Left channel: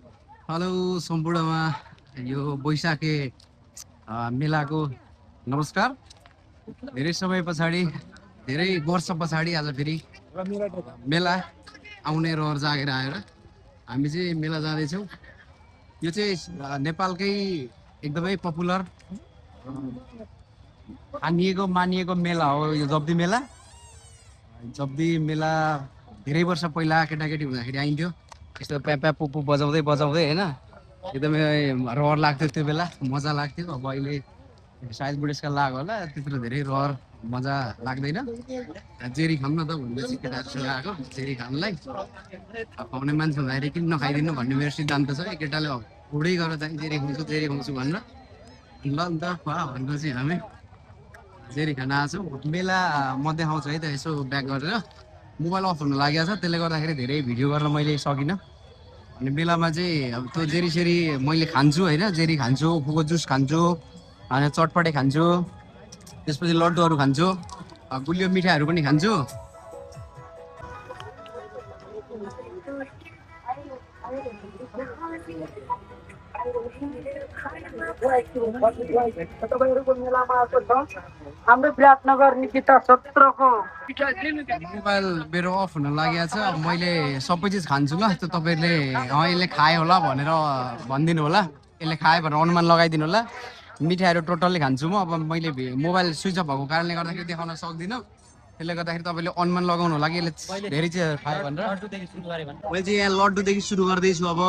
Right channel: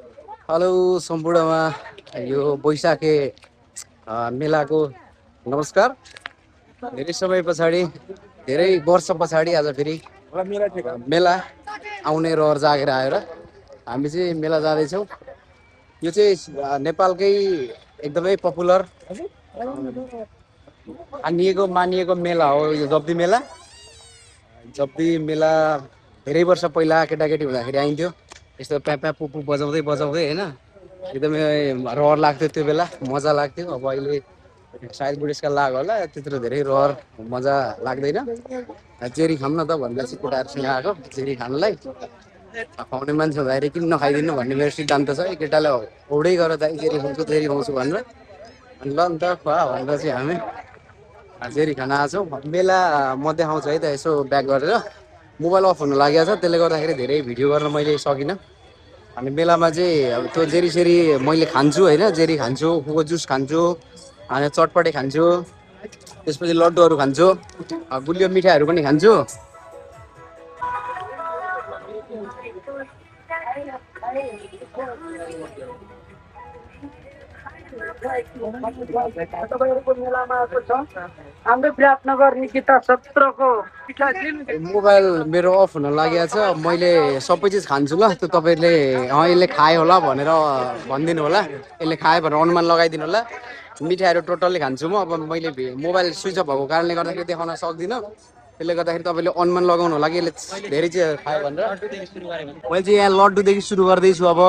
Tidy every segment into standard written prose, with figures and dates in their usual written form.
Hello सम्पूर्णमा यो बैशाखे मेलाको नमस्कार। धेरै समय पछाडि धेरै वर्ष पछाडि आज फेरि मेला आउने रहर जागेर आएर हामी चाहिँ मेला जाँदैछौँ। यो चाहिँ नेपालकै एकदमै पपुलर मानिएको मेला हो यो जब्दी मेला। जब्दी मेला धेरै वर्ष पहिला केटाकेटी हुँदाखेरि आइन्थ्यो, यस्तो प्यापा पुपु बजाउँदै बजाउँदै होइन, एकदमै रहर लाग्थ्यो त्यो बेला, मजा लाग्थ्यो। अब अहिले सायद बुढेसकाल लाग्यो होला, त्यत्रो धेरै रहर मजा लाग्दैन। जेरी खाऊँ न त भनेर चाहिँ केटाहरूसँग आएको जेरी खानलाई। खुवाउने मान्छे हुँदाखेरि किन नखाइदिनु भन्ने मेरो सिद्धान्त छ। केटाले औडै गर दाइ जेरी खुवाउँछु जेरी खुवाउँछु भनेर, अनि ल नि त खुवा भनेर चाहिँ हामी जेरी खान आएको छौँ। मेला मध्ये आउँछ है त, यसो ब्याक गरेर मोबाइल अफ हुन लागेको छ, त्यसले गर्दाखेरि धेरै भिडियो गर्न मैले सकिनँ। अनि मेलामा चाहिँ अब त्यो जेरी सेरी मैले खान्छु होइन, जेरी खान्छु, उखुको जुस खान्छु, अनि चटपटे खान्छु, त्यसपछि लड्डुहरू खान्छु, गुलियो मिठाईहरू पनि खान्छु। तपाईँहरूको मेलामा आएको छ हाम्रो विराटनगर निकिता 17 को मोबाइल मेरो अफ हुन लागेको छ, मैले सबै चिज खान्छु ल। त्यो तपाईँले यसले खायो होला भनेर भनिदिनु होला, यसले खायो भनेर अनुमान लगाइदिनु होला। मिठाईहरू टोटल्ली खान्छु म। अब मैले मोबाइल स्विच अफ भएको कारणले गर्दाखेरि देखाउन सक्दिनँ, त्यसले गर्दाखेरि तपाईँले अनुमान लगाउनु होला कि यसले धेरै चिज खायो भनेर। मैले चाहिँ यहाँ लड्डुदेखि सुरु गर्दैछु अब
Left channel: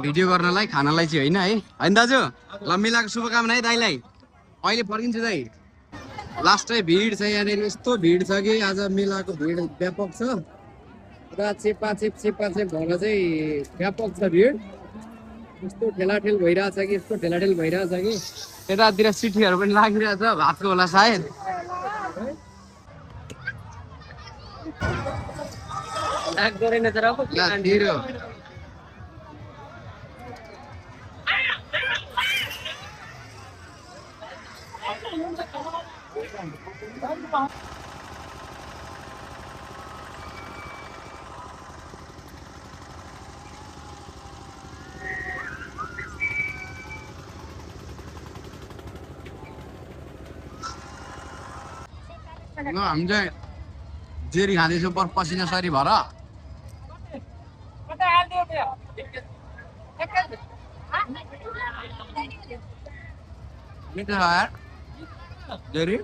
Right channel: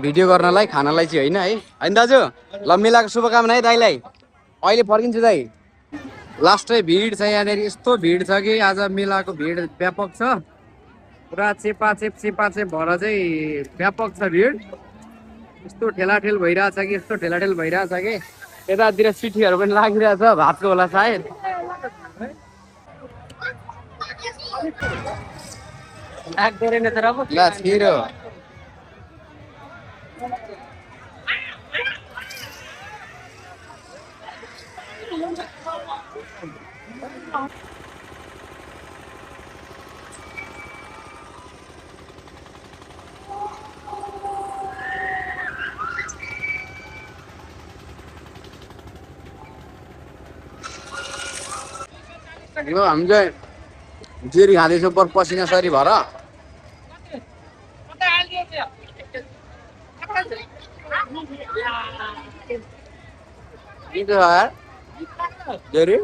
भिडियो गर्नलाई, खानालाई चाहिँ होइन है। होइन दाजु, ल मेलाको शुभकामना है दाइलाई। अहिले फर्किन्छु दाइ। लास्टै भिड छ यहाँनिर, यस्तो भिड छ कि आज मेलाको भिड व्यापक छ, पुरा चेपाचेप भएर चाहिँ व्यापक छ भिड। यस्तो ठेलाठेल भइरहेछ कि यतातिर सिटीहरू पनि लागिरहेछ, भातको होला सायद। ल छिरो हामी चाहिँ जेरी खाँदैछौँ पर पसिना सरी भएर। जेरी